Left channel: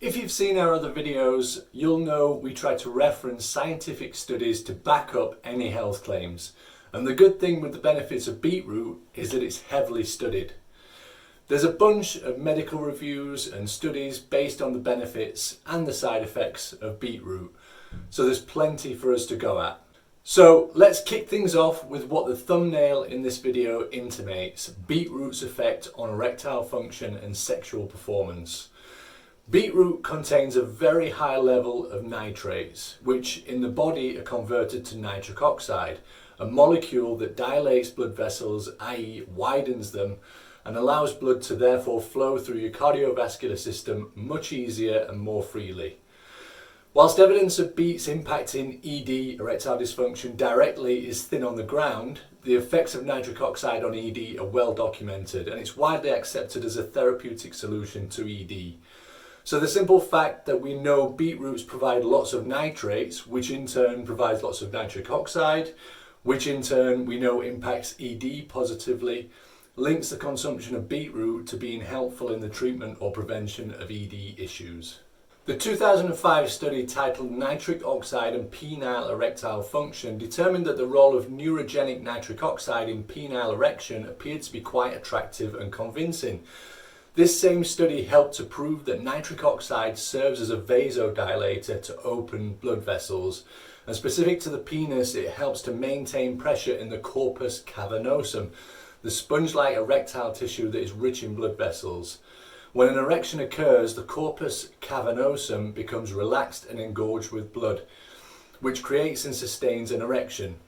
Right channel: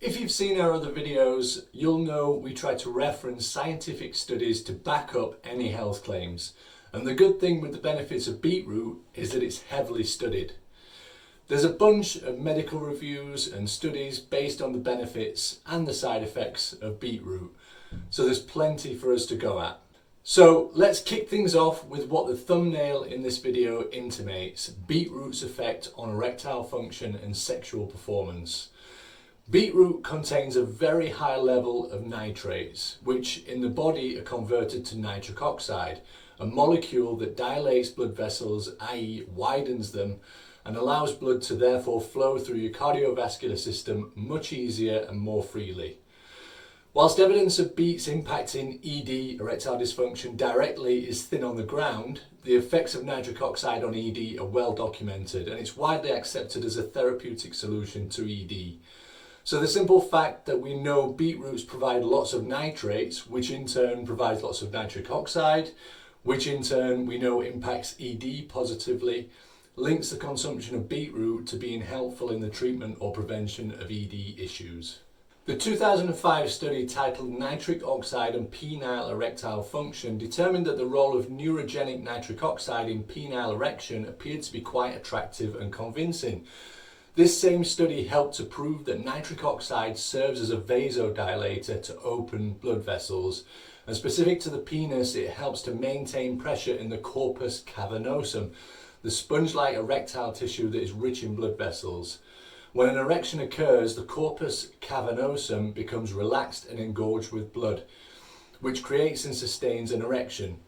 If you've seen our other videos, you'll know we try to reference scientific studies to back up any health claims. And the good thing with the benefits of beetroot is that it's heavily studied. There's a bunch of medical reviews and studies based on the benefits and the side effects of beetroot. So there's plenty for us to go at. So let's kick things off with what the thumbnail in this video intimates: beetroot's effect on erectile function and sexual performance. Beetroot contains a very high level of nitrates, which in the body are converted to nitric oxide, a molecule that dilates blood vessels, i.e. widens them, and allows blood to therefore flow through your cardiovascular system much easier and more freely. Whilst evidence of beets impacting ED, erectile dysfunction, directly is thin on the ground, the effects of nitric oxide on ED are well documented, and it's widely accepted as a therapeutic solution to ED. So the simple fact that we know beetroots provide lots of nitrates, which in turn provides lots of nitric oxide, which in turn we know impacts ED positively, links the consumption of beetroot to being helpful in the treatment or prevention of ED issues. The 2005 study titled Nitric Oxide and Penile Erectile Function determined that the role of neurogenic nitric oxide in penile erection appeared to be quite attractive and convincing. This same study helped to prove that nitric oxide serves as a vasodilator to open blood vessels, and specific to the penis, it helps to maintain pressure in the corpus cavernosum, the sponge-like erectile tissue that is rich in blood vessels. When an erection occurs, the corpus cavernosum becomes relaxed and engorged with blood, which creates and sustains an erection.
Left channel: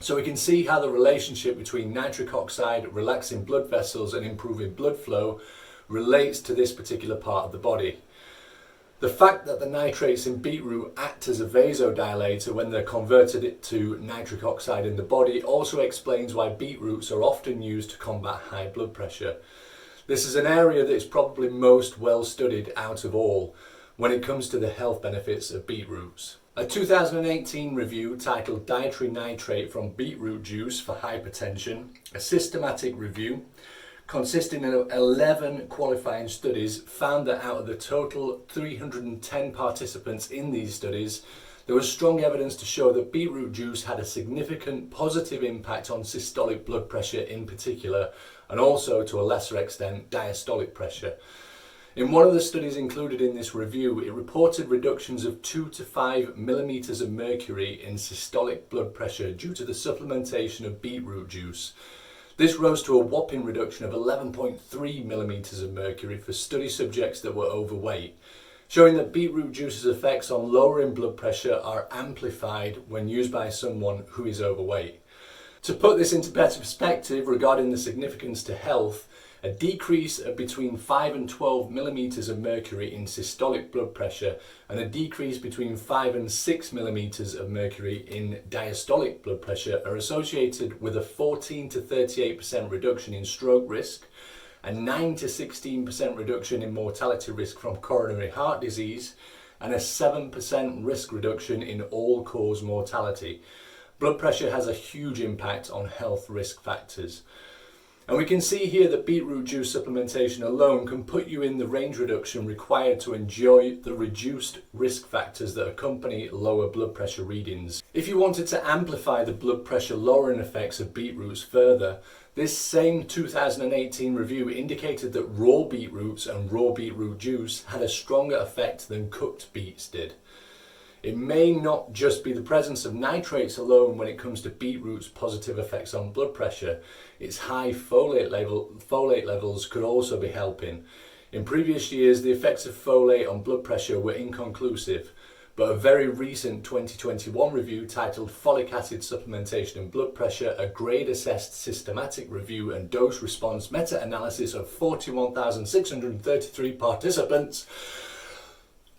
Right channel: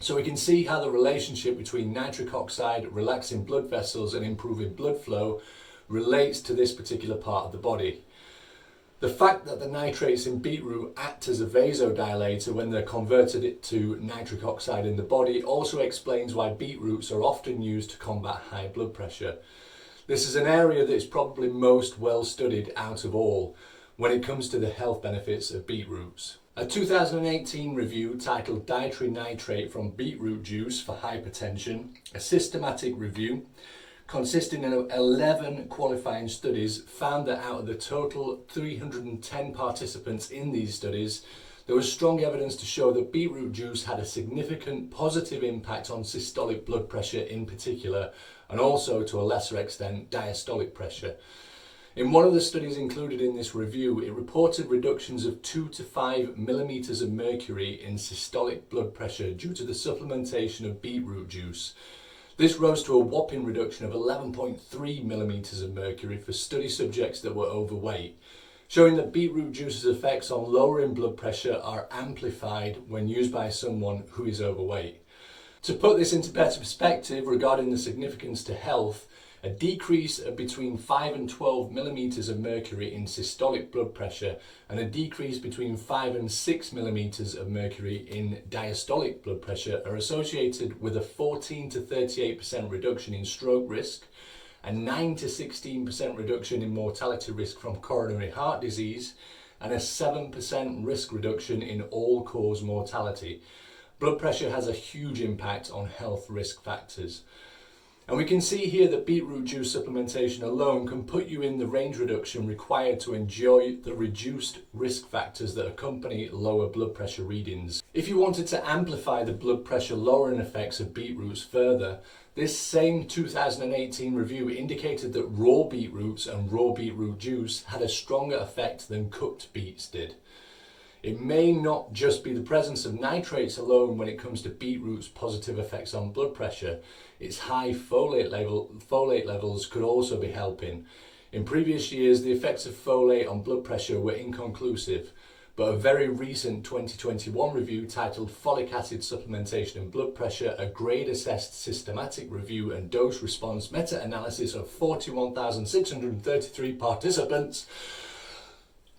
So we can see how the relationship between nitric oxide, relaxing blood vessels and improving blood flow relates to this particular part of the body. The fact that the nitrates in beetroot act as a vasodilator when they're converted to nitric oxide in the body also explains why beetroots are often used to combat high blood pressure. This is an area that is probably most well studied out of all when it comes to the health benefits of beetroots. A 2018 review titled Dietary Nitrate from Beetroot Juice for Hypertension, a systematic review consisting of 11 qualifying studies, found that out of the total 310 participants in these studies, there was strong evidence to show that beetroot juice had a significant positive impact on systolic blood pressure in particular, and also to a lesser extent diastolic pressure. In one of the studies included in this review, it reported reductions of 2 to 5 millimeters of mercury in systolic blood pressure due to the supplementation of beetroot juice. This rose to a whopping reduction of 11.3 millimeters of mercury for study subjects that were overweight, showing that beetroot juice's effects on lowering blood pressure are amplified when used by someone who is overweight. To put this into better perspective regarding the significance to health, a decrease of between 5 and 12 millimeters of mercury in systolic blood pressure and a decrease between 5 and 6 millimeters of mercury in diastolic blood pressure are associated with a 14 to 38% reduction in stroke risk, a 9 to 16% reduction in mortality risk from coronary heart disease, and a 7% risk reduction in all-cause mortality. Blood pressure has a huge impact on health risk factors. And we can see here that beetroot juice supplementation alone can put you in the range reduction required to enjoy the reduced risk factors that accompany lower blood pressure readings. If you wanted to amplify the blood pressure lowering effects of beetroots further, this same 2018 review indicated that raw beetroots and raw beetroot juice had a stronger effect than cooked beets did. It may not just be the presence of nitrates alone when it comes to beetroot's positive effects on blood pressure. Its high folate levels could also be helping. In previous years, the effects of folate on blood pressure were inconclusive, but a very recent 2021 review titled Folic Acid Supplementation and Blood Pressure, a grade-assessed systematic review and dose-response meta-analysis of 41,633 participants,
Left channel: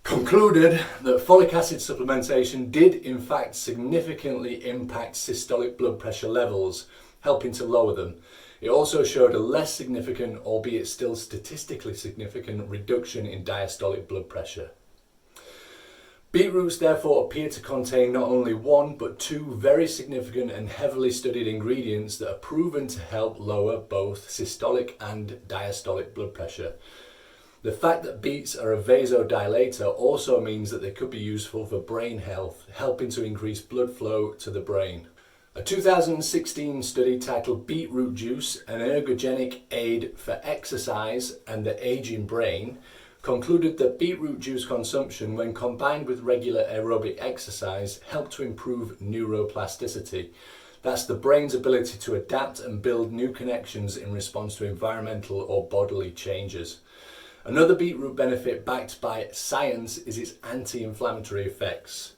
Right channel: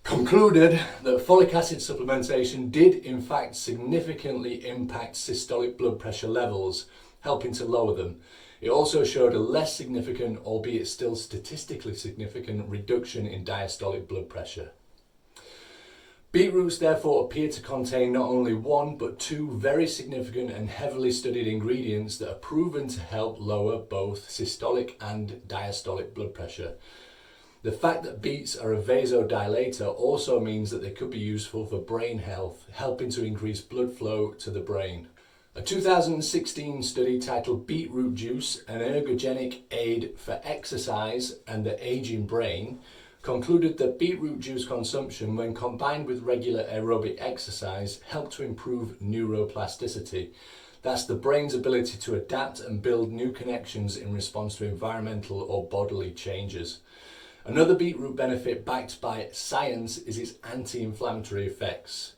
concluded that folic acid supplementation did in fact significantly impact systolic blood pressure levels, helping to lower them. It also showed a less significant, albeit still statistically significant, reduction in diastolic blood pressure. Beetroots therefore appear to contain not only one but two very significant and heavily studied ingredients that are proven to help lower both systolic and diastolic blood pressure. The fact that beets are a vasodilator also means that they could be useful for brain health, helping to increase blood flow to the brain. A 2016 study titled Beetroot Juice, an ergogenic aid for exercise and the aging brain, concluded that beetroot juice consumption, when combined with regular aerobic exercise, helped to improve neuroplasticity. That's the brain's ability to adapt and build new connections in response to environmental or bodily changes. Another beetroot benefit backed by science is its anti-inflammatory effects.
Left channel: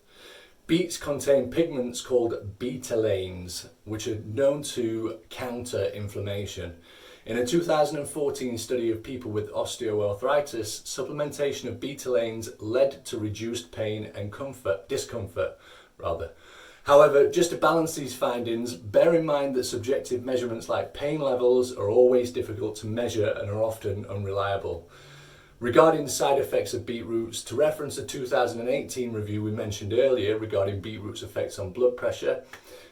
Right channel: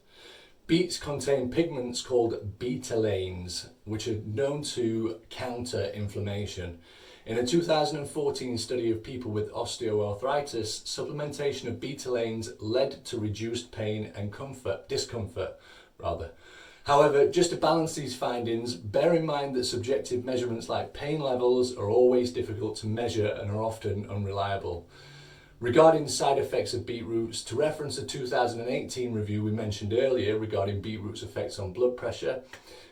Beets contain pigments called betalains, which are known to counter inflammation. In a 2014 study of people with osteoarthritis, supplementation of betalains led to reduced pain and discomfort. However, just to balance these findings, bear in mind that subjective measurements like pain levels are always difficult to measure and are often unreliable. Regarding side effects of beetroots, to reference a 2018 review we mentioned earlier regarding beetroot's effects on blood pressure,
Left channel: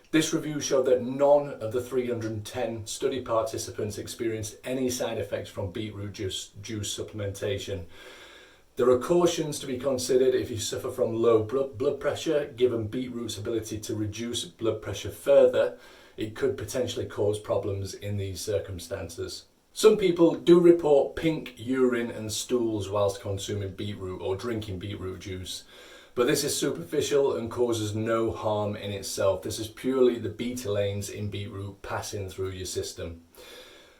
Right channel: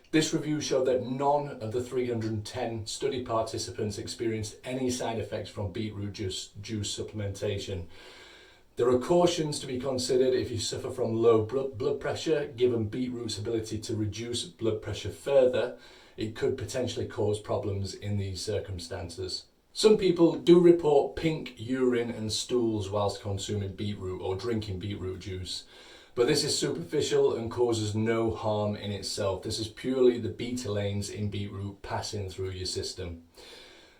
this review showed that none of the 310 study participants experienced any side effects from beetroot juice supplementation. There are cautions to be considered if you suffer from low blood pressure. Given beetroot's ability to reduce blood pressure further, it could potentially cause problems in these circumstances. Some people do report pink urine and stools whilst consuming beetroot or drinking beetroot juice, but this is superficial and causes no harm in itself. This is purely the betalains in beetroot passing through your system.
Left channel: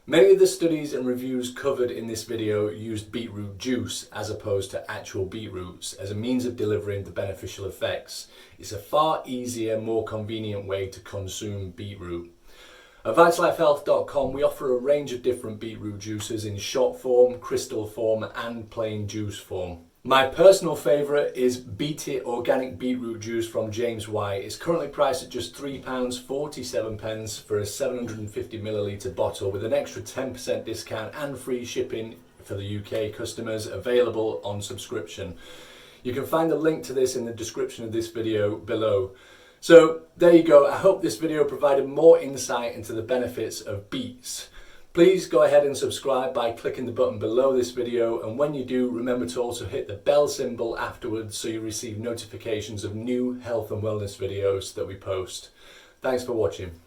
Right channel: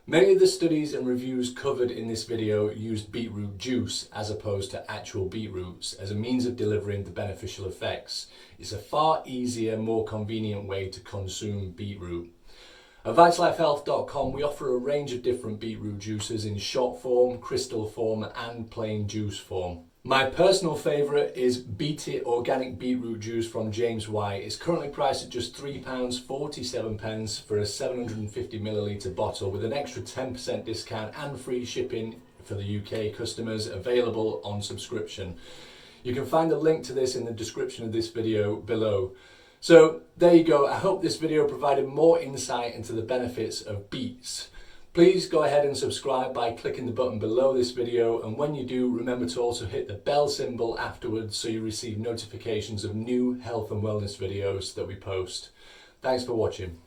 Many of the studies and reviews covered in this video used beetroot juice as opposed to actual beetroots as a means of delivering the beneficial effects. It's a far easier, more convenient way to consume beetroot. At vitalifehealth.com we offer a range of different beetroot juices in shot form, crystal form and plain juice form. My personal favourite is Beetroot Organic Beetroot Juice from James White. It's currently priced at just £3.47 for a 750ml bottle with an extra 10% discount and free shipping for the UK customers, available on subscription. You can find the link to this in the description of this video below. So there you go. I hope this video provided more insight into the benefits of beets. Please go ahead and subscribe by clicking the button below this video, and when you do, remember to also hit the bell symbol afterwards so you receive notifications of new health and wellness videos that we post. Thanks for watching.